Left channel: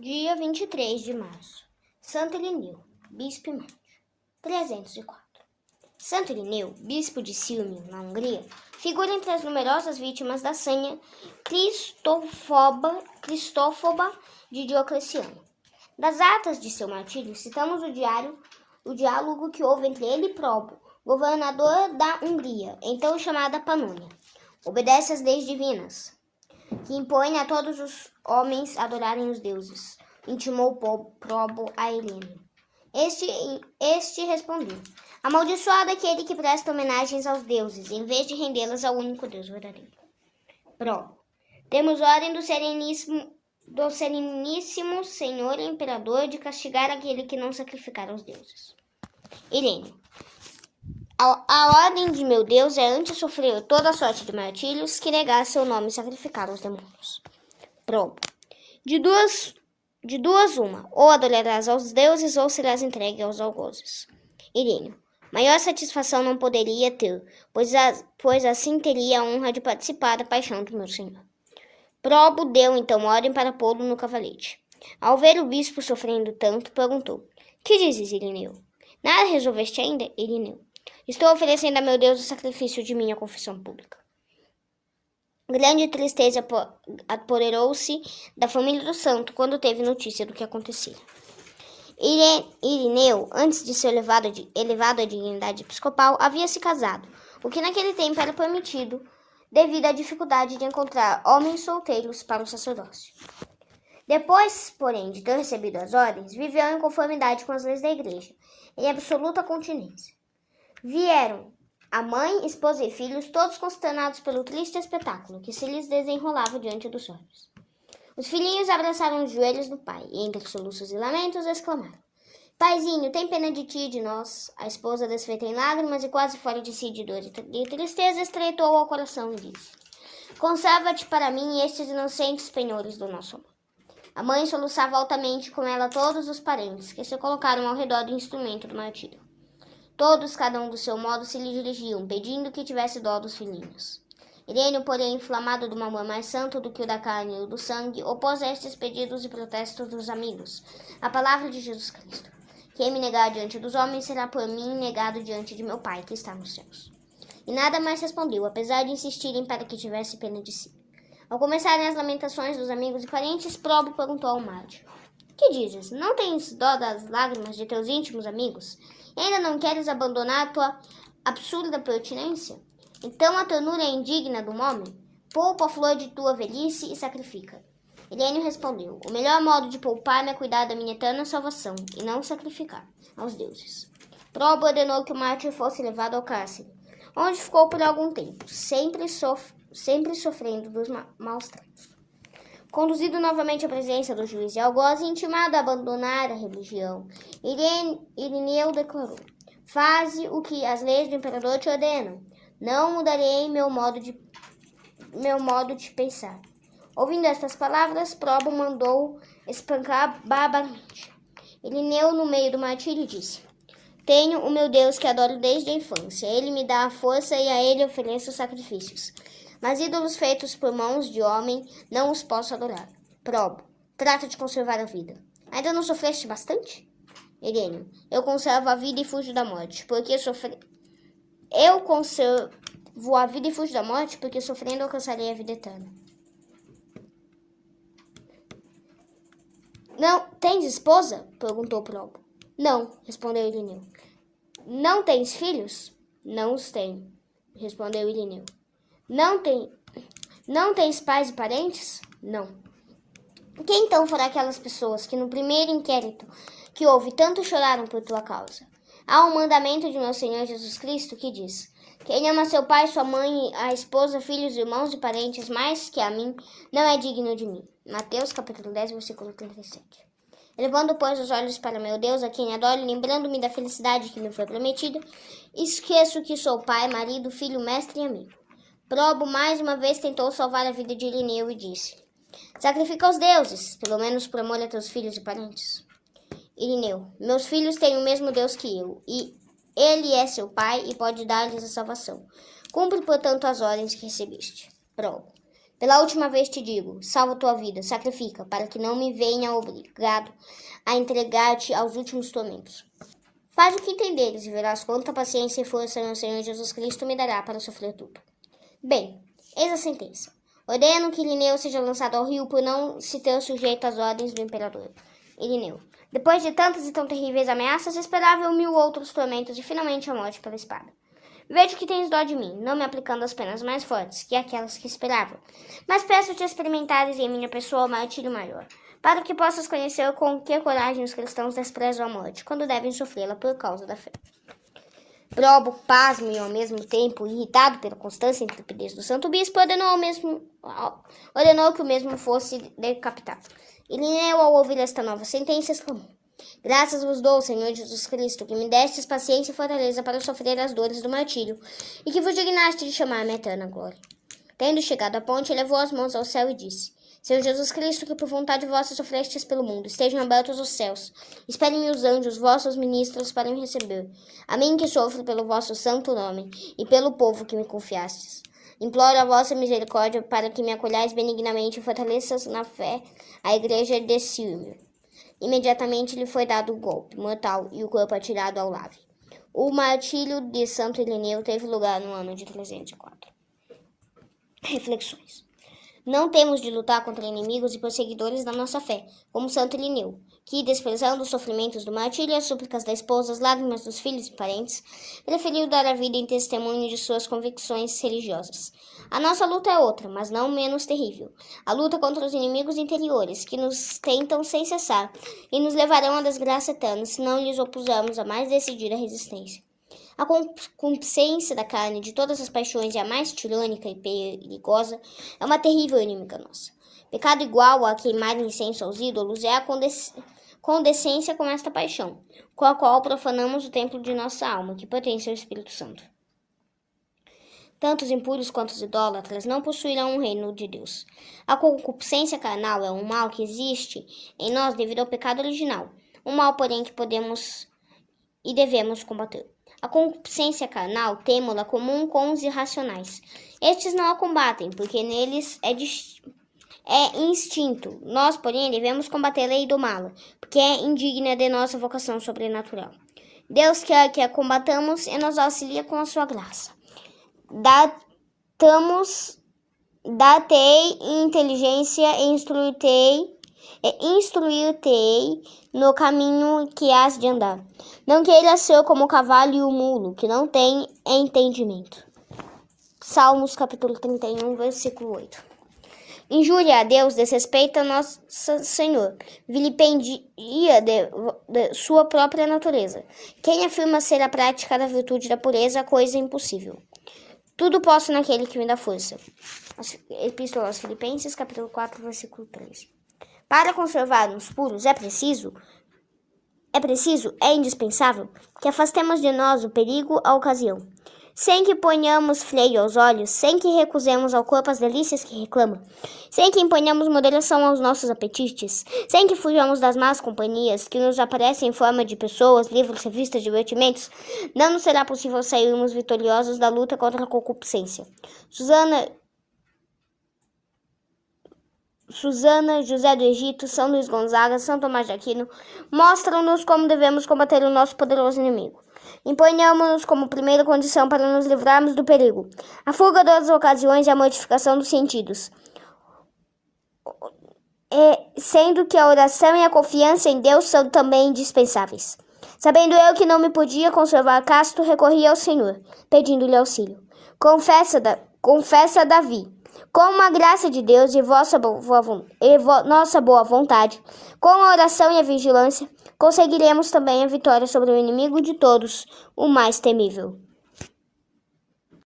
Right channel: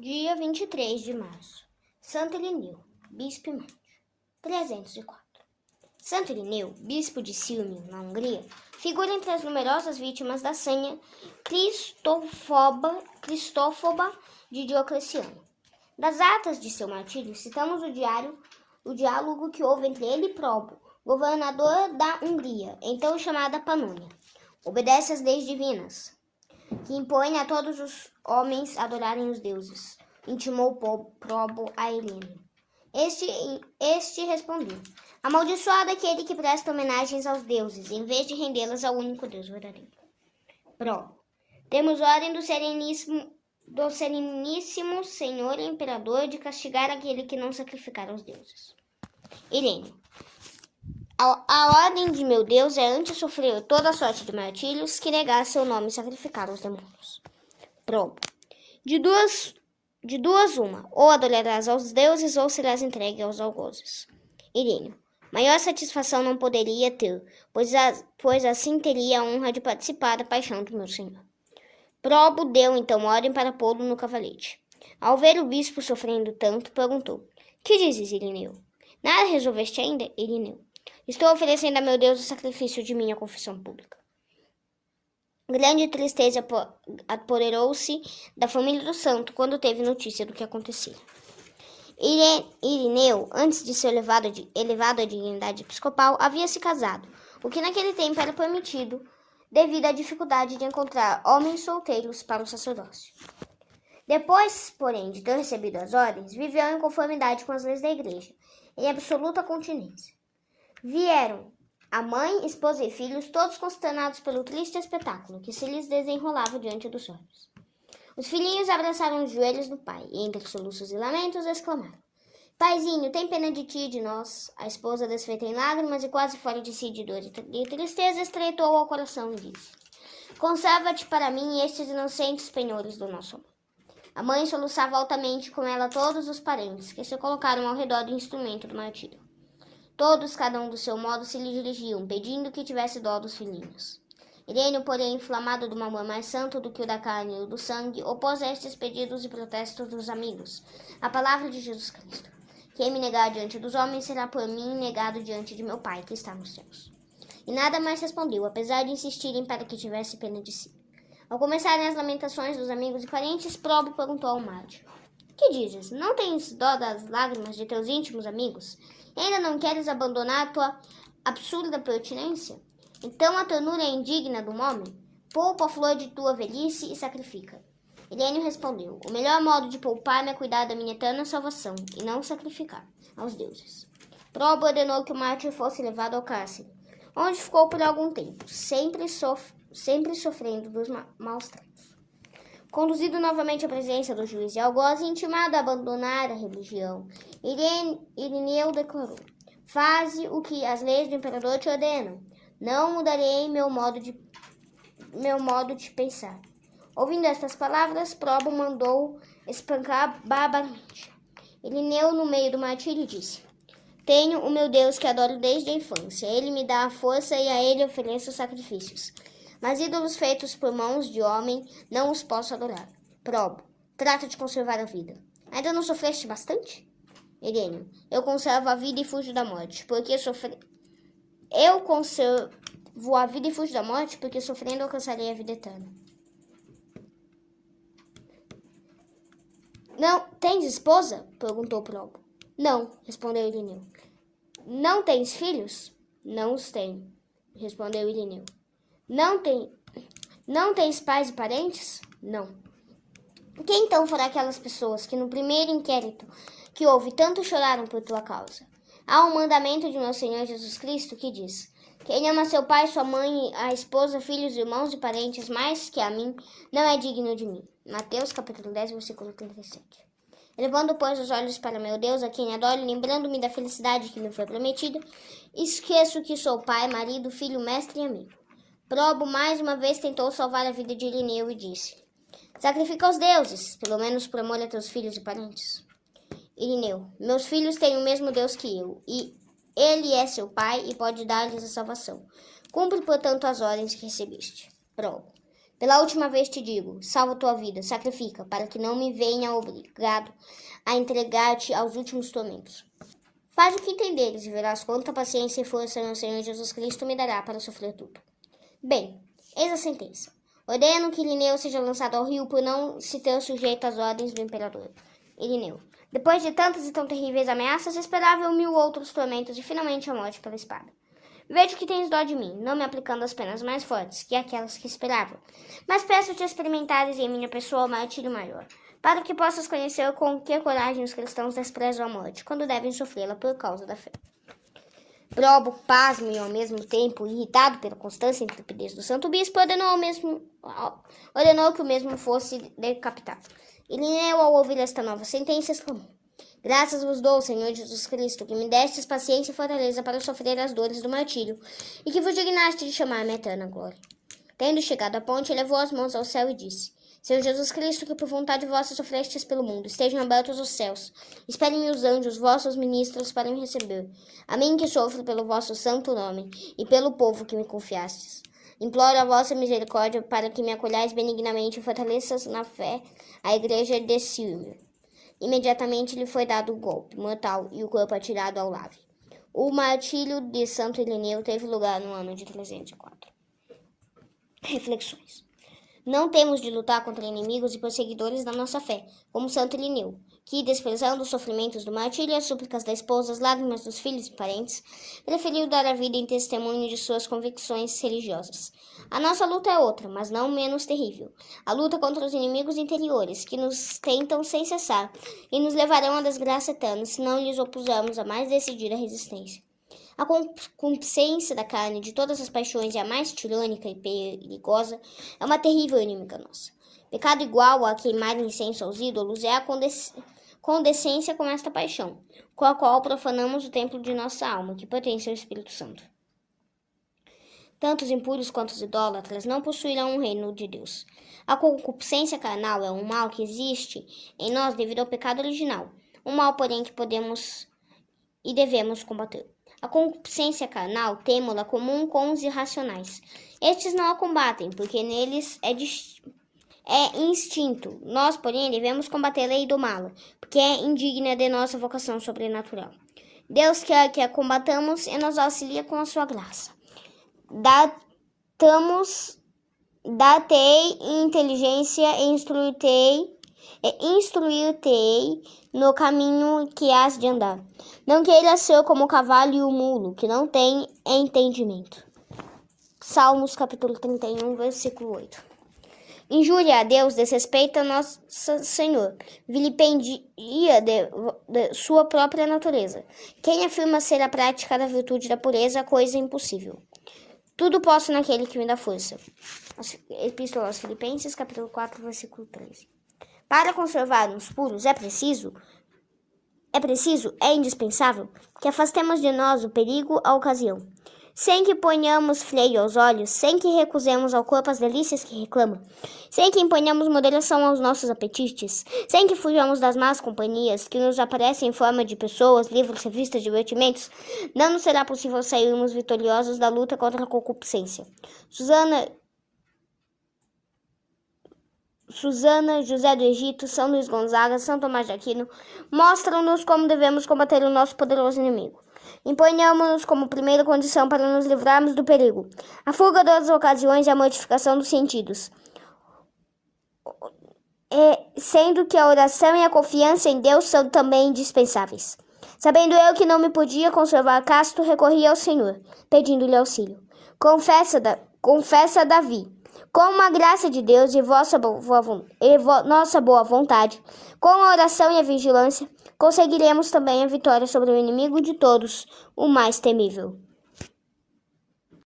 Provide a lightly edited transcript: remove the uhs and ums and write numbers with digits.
Dia 23 de março. Santo Irineu, bispo e mártir. 304. Santo Irineu, bispo de Sírmio, na Hungria, figura entre as numerosas vítimas da sanha cristófoba de Diocleciano. Das atas de seu martírio, citamos o diálogo que houve entre ele e Probo, governador da Hungria, então chamada Panônia. Obedece às leis divinas, que impõem a todos os homens adorarem os deuses, intimou Probo a Heleno. Este respondeu: amaldiçoado aquele que presta homenagens aos deuses, em vez de rendê-las ao único Deus verdadeiro. Probo: temos ordem do sereníssimo Senhor Imperador de castigar aquele que não sacrificar aos deuses. Heleno: a ordem de meu Deus é antes sofrer toda sorte de martírios que negar seu nome e sacrificar aos demônios. Probo: de duas uma, ou adorarás aos deuses ou serás entregue aos algozes. Iríneo: maior satisfação não poderia ter, pois assim teria a honra de participar da paixão do meu senhor. Probo deu então ordem para pô-lo no cavalete. Ao ver o bispo sofrendo tanto, perguntou: que dizes, Irineu? Nada resolveste ainda, Irineu? Estou oferecendo a meu Deus o sacrifício de minha confissão pública. Grande tristeza apoderou-se da família do santo quando teve notícia do que acontecia. Irineu, antes de ser elevado à dignidade episcopal, havia se casado, o que naquele tempo era permitido devido à dificuldade de encontrar homens solteiros para o sacerdócio. Depois, porém, de ter recebido as ordens, viveu em conformidade com as leis da igreja, em absoluta continência. Vieram a mãe, esposa e filhos, todos consternados pelo triste espetáculo que se lhes desenrolava diante dos olhos. Os filhinhos abraçaram os joelhos do pai e, entre soluços e lamentos, exclamaram: Paizinho, tem pena de ti e de nós. A esposa, desfeita em lágrimas e quase fora de si de dor e tristeza, estreitou ao coração e disse: conserva-te para mim estes inocentes penhores do nosso amor. A mãe soluçava altamente, com ela todos os parentes, que se colocaram ao redor do instrumento do martírio. Todos, cada um do seu modo, se lhe dirigiam, pedindo que tivesse dó dos filhinhos. Irêneo, porém, inflamado de um amor mais santo do que o da carne e o do sangue, opôs a estes pedidos e protestos dos amigos a palavra de Jesus Cristo. Quem me negar diante dos homens será por mim negado diante de meu Pai, que está nos céus. E nada mais respondeu, apesar de insistirem para que tivesse pena de si. Ao começarem as lamentações dos amigos e parentes, Probo perguntou ao mártir: que dizes? Não tens dó das lágrimas de teus íntimos amigos? Ainda não queres abandonar tua absurda pertinência? Então a ternura é indigna de um homem? Poupa a flor de tua velhice e sacrifica. Irêneo respondeu: o melhor modo de poupar-me é cuidar da minha eterna salvação, e não sacrificar aos deuses. Probo ordenou que o mártir fosse levado ao cárcere, onde ficou por algum tempo, sempre sofrendo dos maus tratos. Conduzido novamente à presença do juiz e algoz e intimado a abandonar a religião, Irineu declarou: faze o que as leis do imperador te ordenam. Não mudarei meu modo de pensar. Ouvindo estas palavras, Probo mandou espancar barbaramente. Irineu, no meio do martírio, disse: tenho o meu Deus que adoro desde a infância. Ele me dá a força e a ele ofereço sacrifícios. Mas ídolos feitos por mãos de homem não os posso adorar. Probo: trata de conservar a vida. Ainda não sofreste bastante? Irêneo: eu conservo a vida e fujo da morte, porque sofrendo alcançarei a vida eterna. Não tens esposa? Perguntou Probo. Não, respondeu Irineu. Não tens filhos? Não os tenho, respondeu Irineu. Não tens pais e parentes? Não. Quem então fará aquelas pessoas que no primeiro inquérito que houve tanto choraram por tua causa? Há um mandamento de meu Senhor Jesus Cristo que diz: quem ama seu pai, sua mãe, a esposa, filhos, irmãos e parentes mais que a mim, não é digno de mim. Mateus capítulo 10, versículo 37. Elevando, pois, os olhos para meu Deus, a quem adoro, lembrando-me da felicidade que me foi prometida, esqueço que sou pai, marido, filho, mestre e amigo. Probo mais uma vez tentou salvar a vida de Irineu e disse: sacrifica aos deuses, pelo menos por amor a teus filhos e parentes. Irineu: meus filhos têm o mesmo Deus que eu, e ele é seu pai e pode dar-lhes a salvação. Cumpre, portanto, as ordens que recebeste. Probo: Pela última vez te digo, salva tua vida, sacrifica, para que não me venha obrigado a entregar-te aos últimos tormentos. Faz o que entenderes e verás quanta paciência e força meu Senhor Jesus Cristo me dará para sofrer tudo. Bem, eis a sentença. Ordeno que Irineu seja lançado ao rio por não se ter sujeito às ordens do imperador. Irineu. Depois de tantas e tão terríveis ameaças, esperava 1000 outros tormentos e finalmente a morte pela espada. Vejo que tens dó de mim, não me aplicando as penas mais fortes que aquelas que esperava, mas peço-te experimentares em minha pessoa o martírio maior, para que possas conhecer com que coragem os cristãos desprezam a morte, quando devem sofrê-la por causa da fé. Probo, pasmo e ao mesmo tempo irritado pela constância e intrepidez do santo bispo, ordenou que o mesmo fosse decapitado. Irineu, ao ouvir esta nova sentença, exclamou: Graças vos dou, Senhor Jesus Cristo, que me destes paciência e fortaleza para sofrer as dores do martírio, e que vos dignaste de chamar-me a eterna glória. Tendo chegado à ponte, elevou as mãos ao céu e disse: Senhor Jesus Cristo, que por vontade vossa sofrestes pelo mundo, estejam abertos os céus. Esperem-me os anjos, vossos ministros, para me receber. A mim que sofro pelo vosso santo nome, e pelo povo que me confiastes. Imploro a vossa misericórdia para que me acolhais benignamente e fortaleças na fé a igreja de Círmio. Imediatamente lhe foi dado o golpe mortal e o corpo atirado ao lave. O martírio de Santo Irineu teve lugar no ano de 304. Reflexões. Não temos de lutar contra inimigos e perseguidores da nossa fé, como Santo Irineu, que, desprezando os sofrimentos do martírio, as súplicas da esposa, as lágrimas dos filhos e parentes, preferiu dar a vida em testemunho de suas convicções religiosas. A nossa luta é outra, mas não menos terrível. A luta contra os inimigos interiores, que nos tentam sem cessar e nos levarão à desgraça eterna se não lhes opusermos a mais decidida resistência. A concupiscência da carne, de todas as paixões, e a mais tirânica e perigosa, é uma terrível inimiga nossa. Pecado igual a queimar incenso aos ídolos é a condescência com esta paixão, com a qual profanamos o templo de nossa alma, que pertence ao Espírito Santo. Tanto os impuros quanto os idólatras não possuirão o reino de Deus. A concupiscência carnal é um mal que existe em nós devido ao pecado original, um mal, porém, que podemos e devemos combater. A concupiscência carnal temo-la comum com os irracionais. Estes não a combatem, porque neles é instinto. Nós, porém, devemos combatê-la e domá-la, porque é indigna de nossa vocação sobrenatural. Deus quer que a combatamos e nos auxilia com a sua graça. Dá-te inteligência e instruir-te no caminho que has de andar. Não queiras ser como o cavalo e o mulo, que não têm entendimento. Salmos capítulo 31, versículo 8. Injúria a Deus, desrespeita a nosso Senhor, vilipendia de sua própria natureza. Quem afirma ser a prática da virtude da pureza, coisa impossível. Tudo posso naquele que me dá força. Epístola aos Filipenses, capítulo 4, versículo 13. Para conservar-nos puros é indispensável que afastemos de nós o perigo à ocasião, sem que ponhamos freio aos olhos, sem que recusemos ao corpo as delícias que reclama, sem que imponhamos moderação aos nossos apetites, sem que fujamos das más companhias que nos aparecem em forma de pessoas, livros, revistas, divertimentos, não nos será possível sairmos vitoriosos da luta contra a concupiscência. Susana, José do Egito, São Luís Gonzaga, São Tomás de Aquino mostram-nos como devemos combater o nosso poderoso inimigo. Imponhamos-nos como primeira condição para nos livrarmos do perigo a fuga das ocasiões e a mortificação dos sentidos, sendo que a oração e a confiança em Deus são também indispensáveis. Sabendo eu que não me podia conservar casto, recorri ao Senhor, pedindo-lhe auxílio. Confessa Davi: com a graça de Deus e nossa boa vontade, com a oração e a vigilância, conseguiremos também a vitória sobre o inimigo de todos, o mais temível.